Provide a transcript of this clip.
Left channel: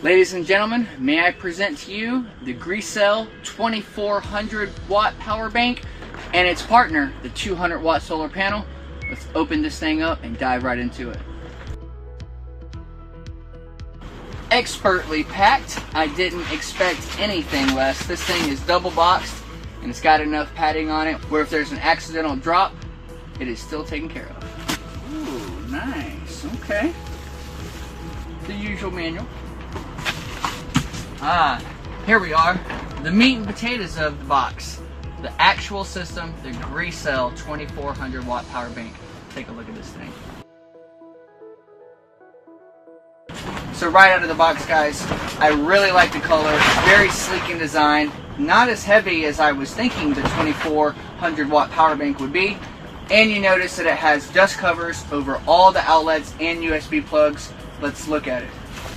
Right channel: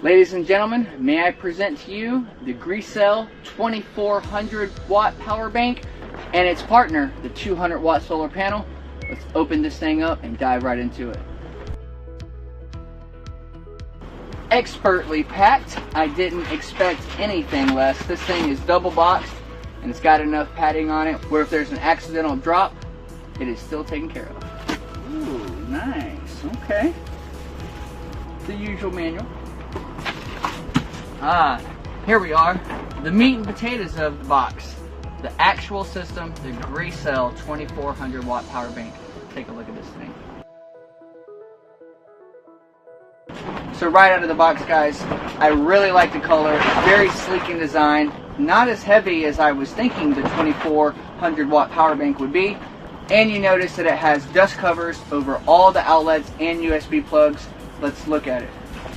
Ladies and gentlemen, may I present to you the GRECELL 2400 watt power bank and its partner, the 200 watt solar panel. Let's open this thing up and dive right into it. Expertly packed. I didn't expect anything less. This thing is double boxed and it's got enough padding on it where if there's an accidental drop, it is still taken care of. Ooh, nice. Okay. The usual manual. Here we are. The meat and potatoes of the box. The actual system, the GRECELL 2400 watt power bank. Take a look at this thing. So right out of the box, guys, I really like the color. It's very sleek in design. Not as heavy as I was thinking the 2400 watt power bank would be. And you notice that it has dust covers over all the outlets and USB plugs. Let's look at it.